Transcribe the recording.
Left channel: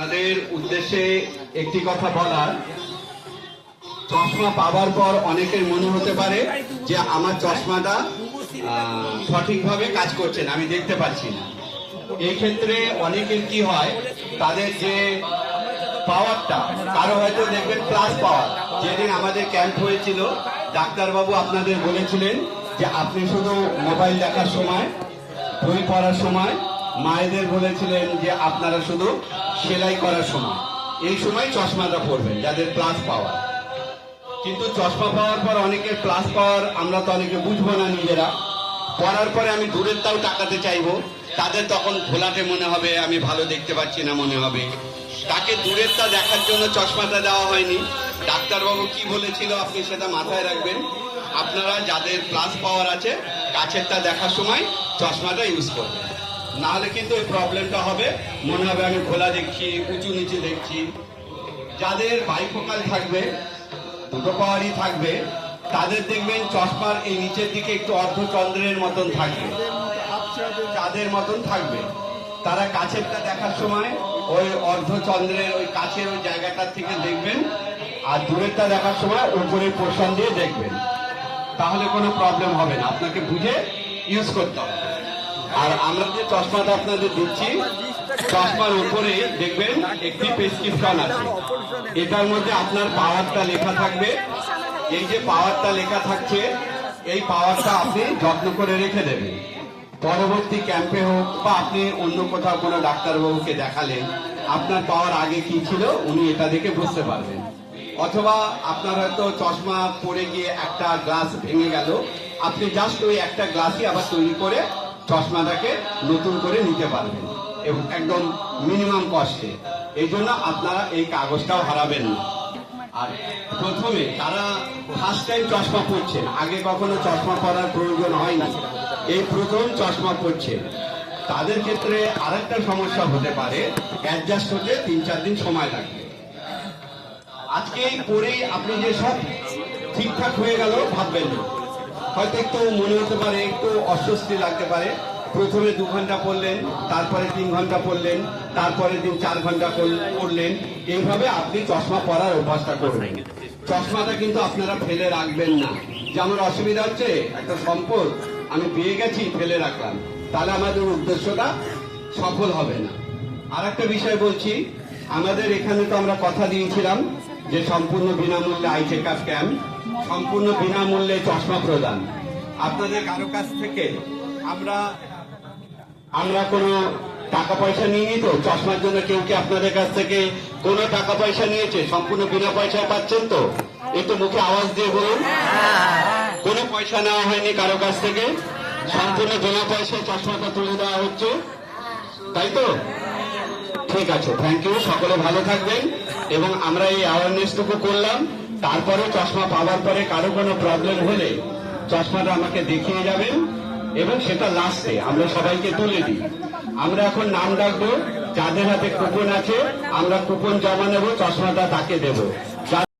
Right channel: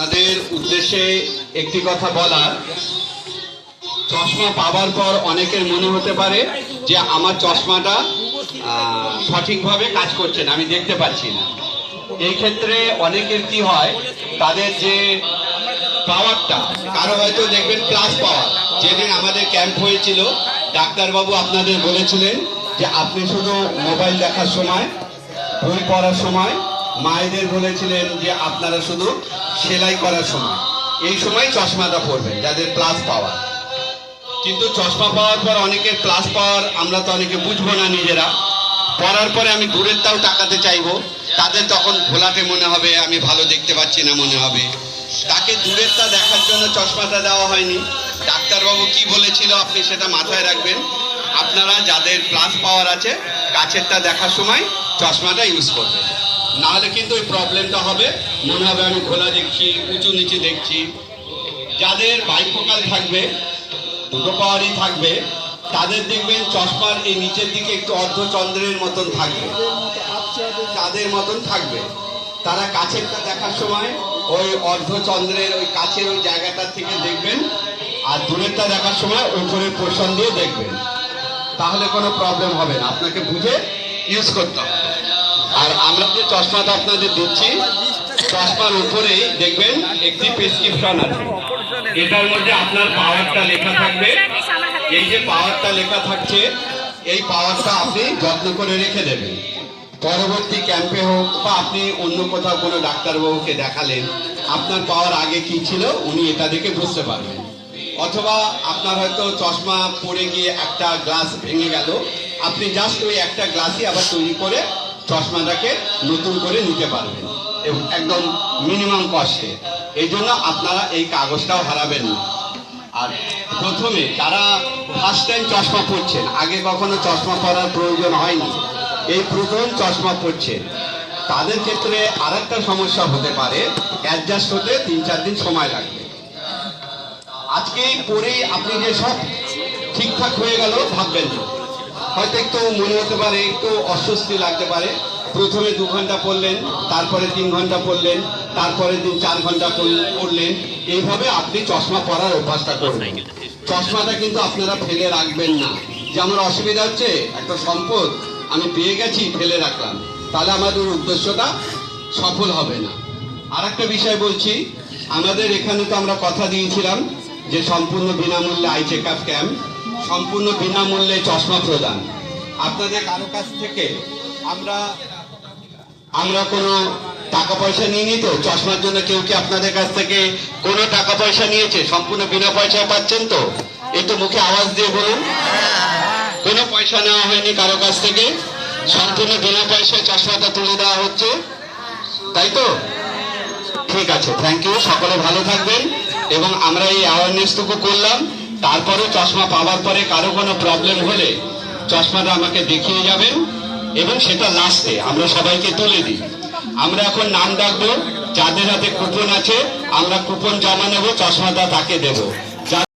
তাদের উদ্দেশ্যে একটি কথা বলার, চশমা পাওয়ার পর অনেকের মনে হতে পারে যে আমার চশমাটা সঠিকভাবে কাজ করছে না, আমি দেখতে পাচ্ছি না। এই ক্ষেত্রে অনেকের কি হয়, তাদের যে পাওয়ারটা, কারো হয়তো দেখবেন প্লাস পাওয়ার। যেদিন আমাদের ক্যাম্প হয়েছিল, ডাক্তারবাবু আপনাদের বলেছিলেন যে আপনি শুধু মোবাইল দেখার সময়, বই পড়ার সময়, মায়েদের বলেছিলেন যে আপনারা শুধু সেলাই করার সময়, এই সময় চশমাটা পরবেন যাদের প্লাস পাওয়ার। কিন্তু চশমা পাওয়ার পর অনেকের প্লাস পাওয়ার আমরা তো অনেকে বুঝবো না নিজেরা, পড়ার পরে আমি দূরেরটাও তাকাতে চাইবো, তাদের তখন ঘোলাটে মনে হবে, আমি ভালো দেখতে পাচ্ছি না মনে হবে। তাকে দূরেরটা দেখার জন্য চশমাটা দেওয়া হয়নি। ডাক্তারবাবু কি বলেছিল আপনি সেটা মাথায় রাখবেন। আপনারা যাদের প্লাস পাওয়ার আছে, কাছেরটা দেখার সময় চশমাটা ইউজ করবেন, নাহলে কিন্তু ওই প্রবলেমটা হবে, মনে হবে আমি ঘোলা দেখছি, উঁচু নিচে দেখছি। যাদের বাইফোকাল থাকবে, দুটো পাওয়ারই থাকবে, তাদের দেখবেন চশমার এই নিচের দিকে একটু অর্ধচন্দ্রের মতন থাকবে, চাঁদের মতন থাকবে। তারা কাছেরটা দেখার সময় ওই অর্ধচন্দ্রের ওই কাছের ওই জায়গাটার থেকে দেখবেন, আর দূরেরটা দেখার সময় উপরের পোর্শন দিয়ে দেখবেন, তাহলে কোনো প্রবলেম হবে না, আপনাকে বুঝে ইউজ করতে হবে। আর আমরা যে চশমাটা আপনাদের দিচ্ছি, চশমার উপরে দেখবেন একটি প্রেসক্রিপশন আছে, এটার মধ্যে আপনার পাওয়ারটা লেখা থাকবে। এই যে পাওয়ারটা লেখা থাকছে, এই পাওয়ারটা আপনি যত্ন করে রেখে দেবেন। পরবর্তী ক্যাম্পে হোক বা আপনি অন্য কোথাও কোনো ডাক্তারবাবুকে দেখালেন, আপনার পাওয়ার আগে কি ছিল উনি এটা দেখে বুঝতে পারবেন। অথবা আপনার হয়তো চশমা পড়ে গিয়ে একটা গ্লাস ভেঙে গেল, আপনি জাস্ট ওই একটা গ্লাসই আবার তৈরি করে চশমাটাকে নতুন করে নিতে পারবেন, এবং একদম মিনিমাম কস্টে। এই জন্য আপনারা এই কাগজটাও হারাবেন না। আর প্রথমে যারা ফার্স্ট টাইম চশমা পরছেন, আগে কখনো চশমা পরার প্রয়োজন হয়নি, এই প্রথম চশমা পরছেন, তাদের ক্ষেত্রে আর একটা সমস্যা হতে পারে, অ্যাডজাস্ট হতে 3-4 দিন সময় লাগবে। আজকেই পরেই আপনি যে সব ঠিকঠাক হয়ে গেল ভাববেন না, হয়তো একটু মনে হতে পারে, একটু অস্বস্তি লাগতে পারে। প্রথমে 2 ঘন্টা পড়লেন, তারপরে 3 ঘন্টা পড়লেন, তারপরে দিন 4 ঘন্টা পড়লেন, এইভাবে আপনি চশমা পরার অভ্যাসটা করবেন। চশমাটা কিন্তু আপনারা ফেলে রাখবেন না, যে আমার অসুবিধা হচ্ছে, একটা সম্পদ আমি পেয়ে গেছি ফেলে রাখলাম, তাহলে আমাদের উদ্দেশ্যটা সফল হবে না। আর একটা বিষয় বলছি, আমাদের এখানে তো আমরা কথা দিয়েছিলাম যে সম্পূর্ণ বিনামূল্যে আই চেক আপ ক্যাম্প, সম্পূর্ণ বিনামূল্যে চশমা প্রদান। আপনাদের কারো কাছ থেকে আমরা কোনো টাকা পয়সা নিইনি তো? চশমার জন্য কেউ কি আপনাদের কাছ থেকে কোনো টাকা পয়সা নিয়েছে? সম্পূর্ণ বিনা পয়সায় পাচ্ছেন তো? এই তো মুখে আওয়াজ দিয়ে বলুন, কোনো পয়সা নেওয়া হয়নি কারো কাছ থেকে, সম্পূর্ণ বিনা পয়সায় চশমাটা তুলে দেওয়া হচ্ছে, তাই তো? ঠিক আছে, থ্যাংক ইউ, সকলে ভালো থাকবেন। এবং আমরা এই অ্যাওয়ারনেসটুকু করলাম, তারপরে চশমা পাওয়ার পরে কারো কোনো প্রবলেম হলে চশমাটা আমাকে দেখিয়ে যাবেন, এবং সেটা লাস্টে আমরা সবাইকে তুলে দিই। আমরা এখন নাম ডাকবো, যাদের হাতে কুপন আছে আমরা কুপন জমা নেব, চশমাটা তাকে দেবো।